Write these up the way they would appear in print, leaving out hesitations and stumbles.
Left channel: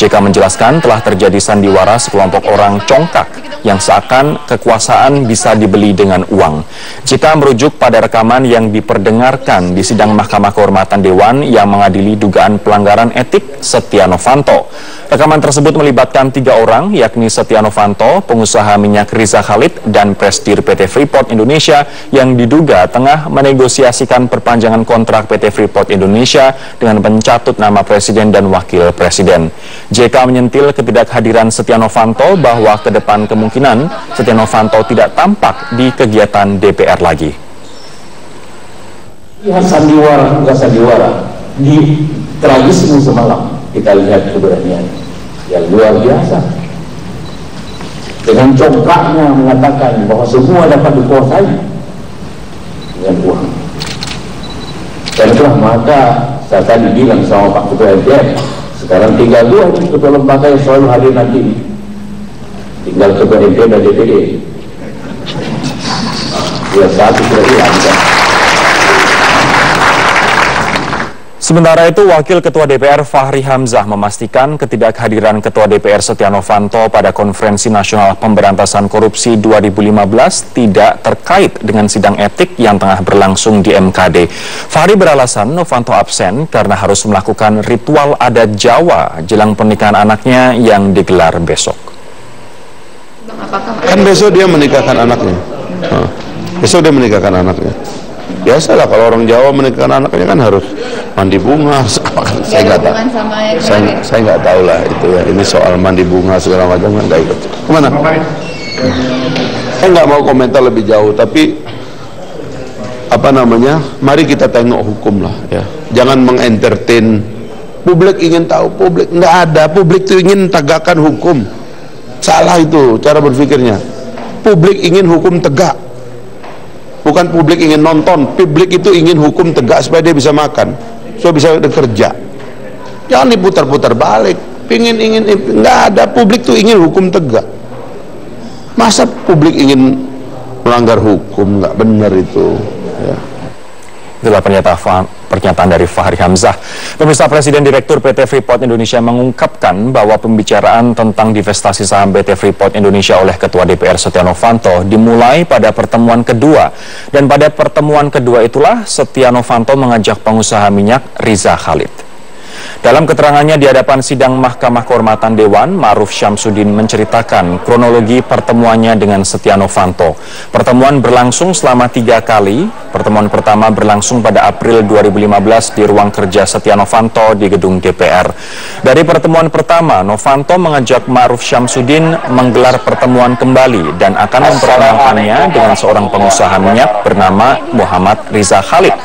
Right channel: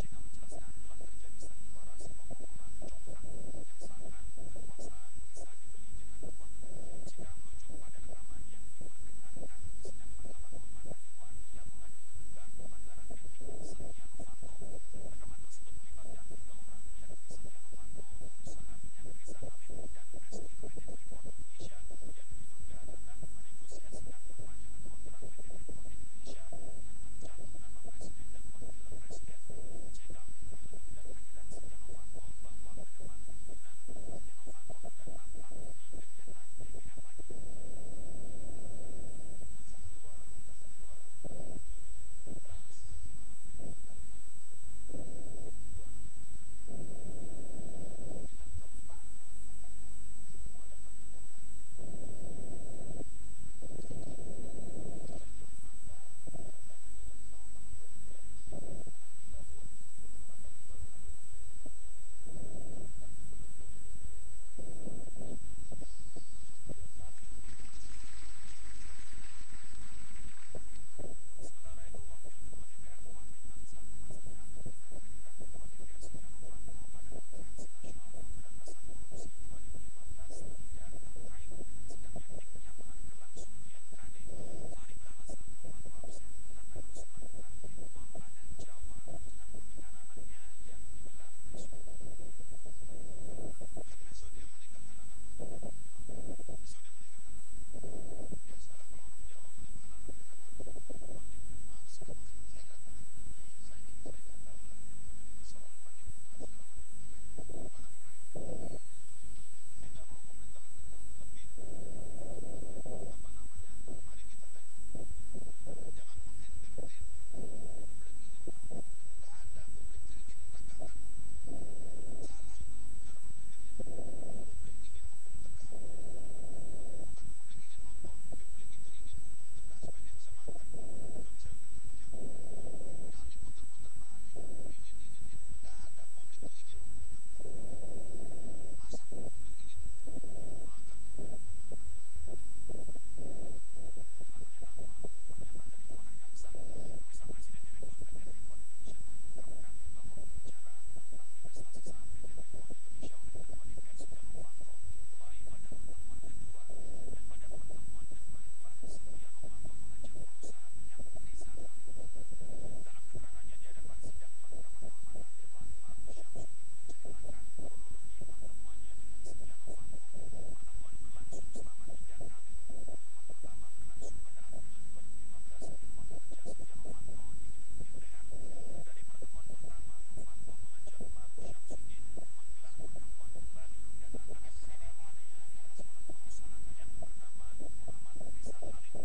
JK menjelaskan telah terjadi sandiwara sekelompok orang congkak yang seakan kekuasaan bisa dibeli dengan uang. JK merujuk pada rekaman yang diperdengarkan di sidang Mahkamah Kehormatan Dewan yang mengadili dugaan pelanggaran etik Setia Novanto. Rekaman tersebut melibatkan 3 orang, yakni Setia Novanto, pengusaha minyak Riza Khalid, dan Presidir PT Freeport Indonesia yang diduga tengah menegosiasikan perpanjangan kontrak PT Freeport Indonesia dengan mencatut nama Presiden dan Wakil Presiden. JK menyentil ketidakhadiran Setia Novanto bahwa ke depan kemungkinan Setia Novanto tidak tampak di kegiatan DPR lagi. Ya, sandiwara, bukan sandiwara. Di tragisme semalam kita lihat keberanian yang luar biasa. Dengan congkaknya mengatakan bahwa semua dapat dikuasai dengan uang. Dan itulah maka saya tadi bilang sama Pak Ketua MPR, sekarang tinggal 2 ketua lembaga yang selalu hadir nanti. Tinggal Ketua MPR dan DPD. Ya, satu sudah hilang. Sementara itu, Wakil Ketua DPR Fahri Hamzah memastikan ketidakhadiran Ketua DPR Setia Novanto pada Konferensi Nasional Pemberantasan Korupsi 2015 tidak terkait dengan sidang etik yang tengah berlangsung di MKD. Fahri beralasan Novanto absen karena harus melakukan ritual adat Jawa jelang pernikahan anaknya yang digelar besok. Kan besok dia menikahkan anaknya. Besok dia menikahkan anaknya. Biasalah kalau orang Jawa menikahkan anaknya kan harus mandi bunga. Saya nggak tahu. Saya nggak tahu lah itu ya. Ini soal mandi bunga segala macam kan nggak ikut. Kemana? Saya nggak mau komentar lebih jauh. Tapi apa namanya? Mari kita tengok hukum lah ya. Jangan mengentertain. Publik ingin tahu. Publik nggak ada. Publik itu ingin tegakkan hukum. Salah itu cara berpikirnya. Publik ingin hukum tegak. Bukan publik ingin nonton, publik itu ingin hukum tegak supaya dia bisa makan, supaya bisa bekerja. Jangan diputar-putar balik. Ingin nggak ada. Publik tuh ingin hukum tegak. Masa publik ingin melanggar hukum? Nggak benar itu. Ya. Itulah pernyataan dari Fahri Hamzah. Pemirsa, Presiden Direktur PT Freeport Indonesia mengungkapkan bahwa pembicaraan tentang divestasi saham PT Freeport Indonesia oleh Ketua DPR Setia Novanto dimulai pada pertemuan kedua. Dan pada pertemuan kedua itulah Setia Novanto mengajak pengusaha minyak Riza Khalid. Dalam keterangannya di hadapan sidang Mahkamah Kehormatan Dewan, Ma'ruf Syamsuddin menceritakan kronologi pertemuannya dengan Setia Novanto. Pertemuan berlangsung selama 3 kali. Pertemuan pertama berlangsung pada April 2015 di ruang kerja Setia Novanto di gedung DPR. Dari pertemuan pertama, Novanto mengajak Ma'ruf Syamsuddin menggelar pertemuan kembali dan akan memperkenalkannya dengan seorang pengusaha minyak bernama Muhammad Riza Khalid.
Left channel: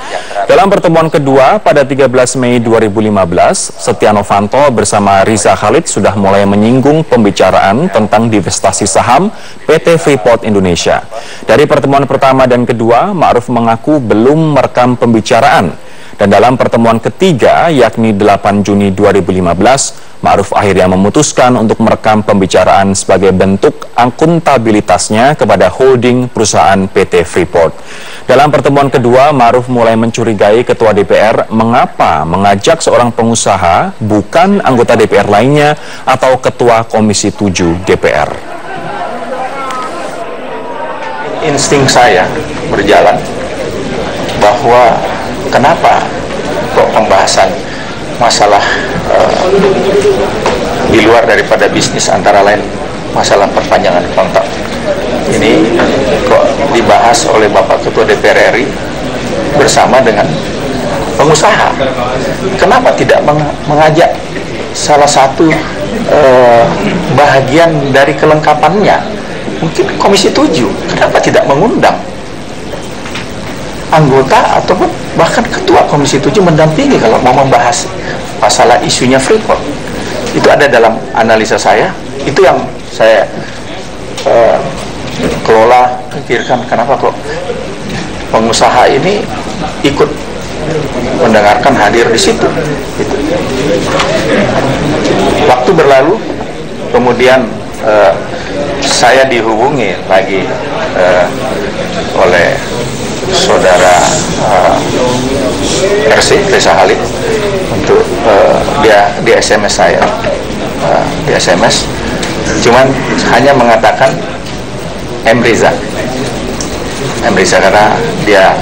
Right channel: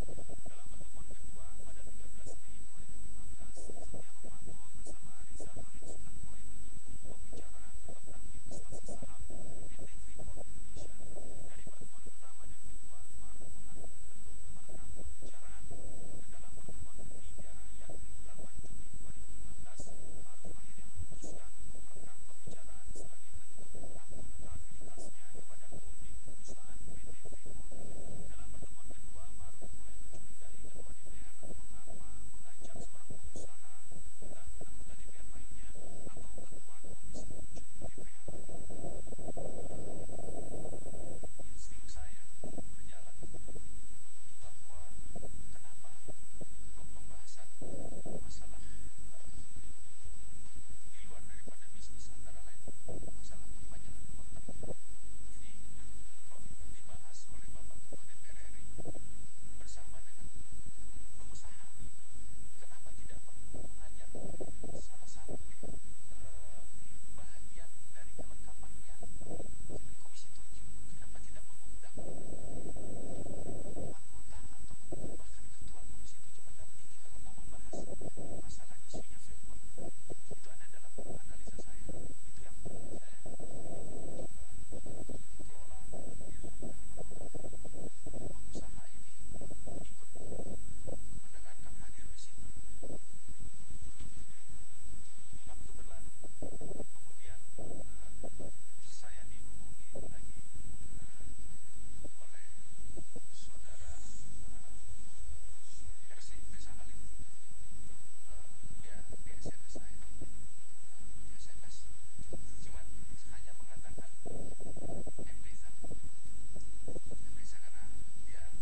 Dalam pertemuan kedua pada 13 Mei 2015, Setia Novanto bersama Riza Khalid sudah mulai menyinggung pembicaraan tentang divestasi saham PT Freeport Indonesia. Dari pertemuan pertama dan kedua, Ma'ruf mengaku belum merekam pembicaraan. Dan dalam pertemuan ketiga, yakni 8 Juni 2015, Ma'ruf akhirnya memutuskan untuk merekam pembicaraan sebagai bentuk akuntabilitasnya kepada holding perusahaan PT Freeport. Dalam pertemuan kedua, Ma'ruf mulai mencurigai Ketua DPR mengapa mengajak seorang pengusaha bukan anggota DPR lainnya atau Ketua Komisi 7 DPR. Insting saya berjalan bahwa kenapa kok pembahasan masalah di luar daripada bisnis, antara lain masalah perpanjangan kontrak ini kok dibahas oleh Bapak Ketua DPR RI bersama dengan pengusaha. Kenapa tidak mengajak salah satu bahagian dari kelengkapannya, mungkin Komisi 7, kenapa tidak mengundang anggota ataupun bahkan Ketua Komisi 7 mendampingi kalau mau membahas masalah isunya Freeport? Itu ada dalam analisa saya, itu yang saya kelola, pikirkan kenapa kok pengusaha ini ikut mendengarkan, hadir di situ. Gitu. Waktu berlalu, kemudian saya dihubungi lagi oleh saudara RC Riza Khalid untuk dia SMS saya melalui SMS, cuman hanya mengatakan M. Riza karena dia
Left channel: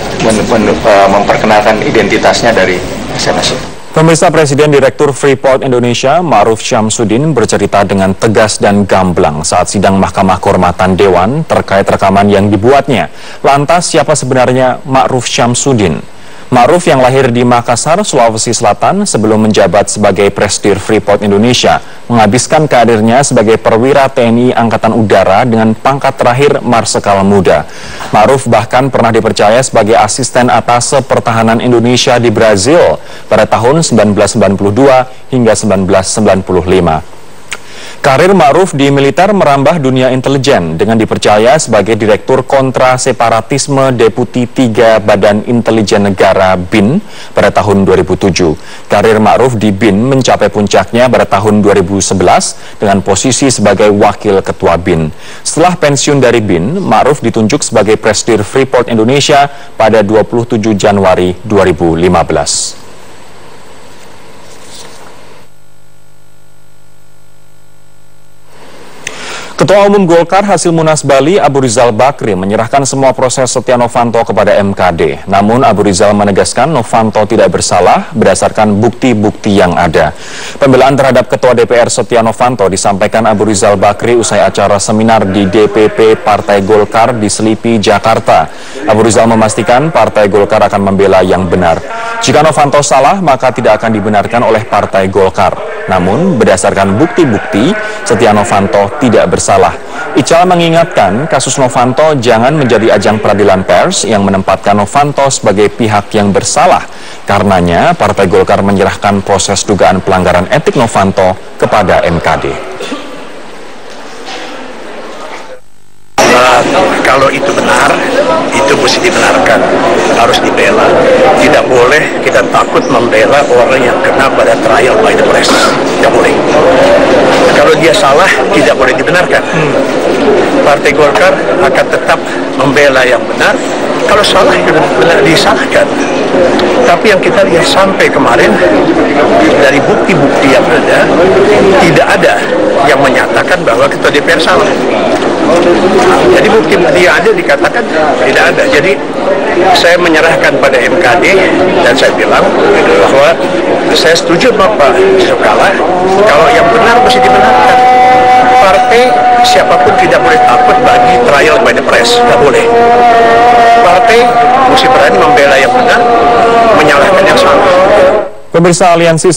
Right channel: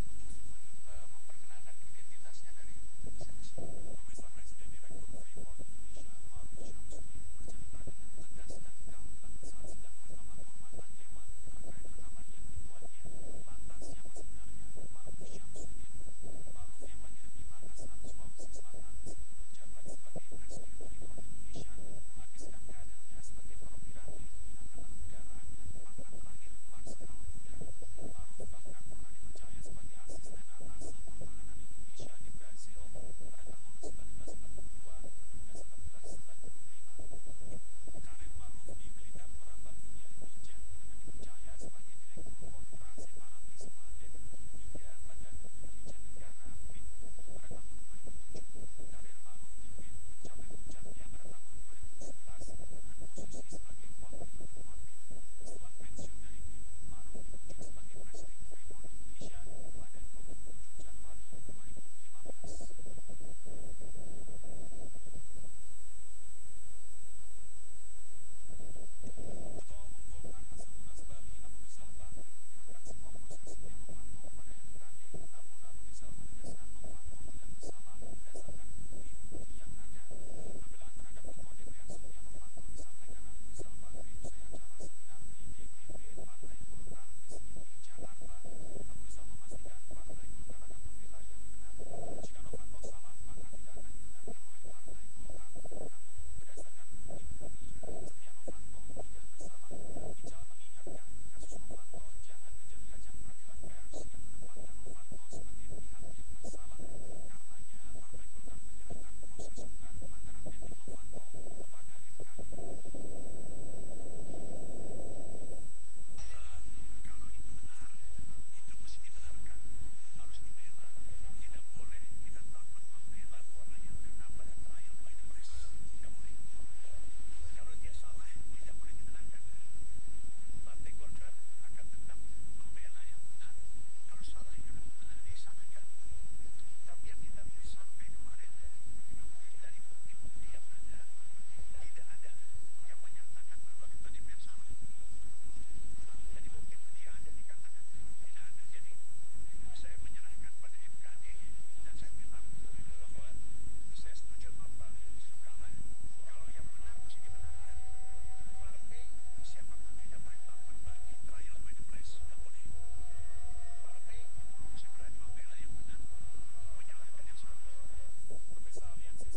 memperkenalkan identitasnya dari SMS itu. Pemirsa, Presiden Direktur Freeport Indonesia Ma'ruf Syamsuddin bercerita dengan tegas dan gamblang saat sidang Mahkamah Kehormatan Dewan terkait rekaman yang dibuatnya. Lantas siapa sebenarnya Ma'ruf Syamsuddin? Ma'ruf yang lahir di Makassar, Sulawesi Selatan sebelum menjabat sebagai Presdir Freeport Indonesia menghabiskan karirnya sebagai perwira TNI Angkatan Udara dengan pangkat terakhir Marsekal Muda. Ma'ruf bahkan pernah dipercaya sebagai asisten atase pertahanan Indonesia di Brazil pada tahun 1992 hingga 1995. Karir Ma'ruf di militer merambah dunia intelijen dengan dipercaya sebagai Direktur Kontra Separatisme Deputi 3 Badan Intelijen Negara BIN pada tahun 2007. Karir Ma'ruf di BIN mencapai puncaknya pada tahun 2011 dengan posisi sebagai Wakil Ketua BIN. Setelah pensiun dari BIN, Ma'ruf ditunjuk sebagai Presdir Freeport Indonesia pada 27 Januari 2015. Ketua Umum Golkar hasil Munas Bali, Abu Rizal Bakri, menyerahkan semua proses Setia Novanto kepada MKD. Namun Abu Rizal menegaskan Novanto tidak bersalah berdasarkan bukti-bukti yang ada. Pembelaan terhadap Ketua DPR Setia Novanto disampaikan Abu Rizal Bakri usai acara seminar di DPP Partai Golkar di Selipi, Jakarta. Abu Rizal memastikan Partai Golkar akan membela yang benar. Jika Novanto salah, maka tidak akan dibenarkan oleh Partai Golkar. Namun, berdasarkan bukti-bukti, Setia Novanto tidak bersalah. Ical mengingatkan kasus Novanto jangan menjadi ajang peradilan pers yang menempatkan Novanto sebagai pihak yang bersalah. Karenanya, Partai Golkar menyerahkan proses dugaan pelanggaran etik Novanto kepada MKD. Kalau itu benar, itu mesti dibenarkan, harus dibela. Tidak boleh kita takut membela orang yang kena pada trial by the press. Tidak boleh. Kalau dia salah, tidak boleh dibenarkan. Partai Golkar akan tetap membela yang benar. Kalau salah, benar disalahkan. Tapi yang kita lihat sampai kemarin, dari bukti-bukti yang ada, tidak ada yang menyatakan bahwa Ketua DPR salah. Jadi bukti-bukti yang ada dikatakan tidak ada. Jadi saya menyerahkan pada MKD dan saya bilang bahwa saya setuju Bapak Yusuf Kala, kalau yang benar mesti dibenarkan. Partai siapapun tidak boleh takut bagi trial by the press, tidak boleh. Partai mesti berani membela yang benar, menyalahkan yang salah. Pemirsa, Aliansi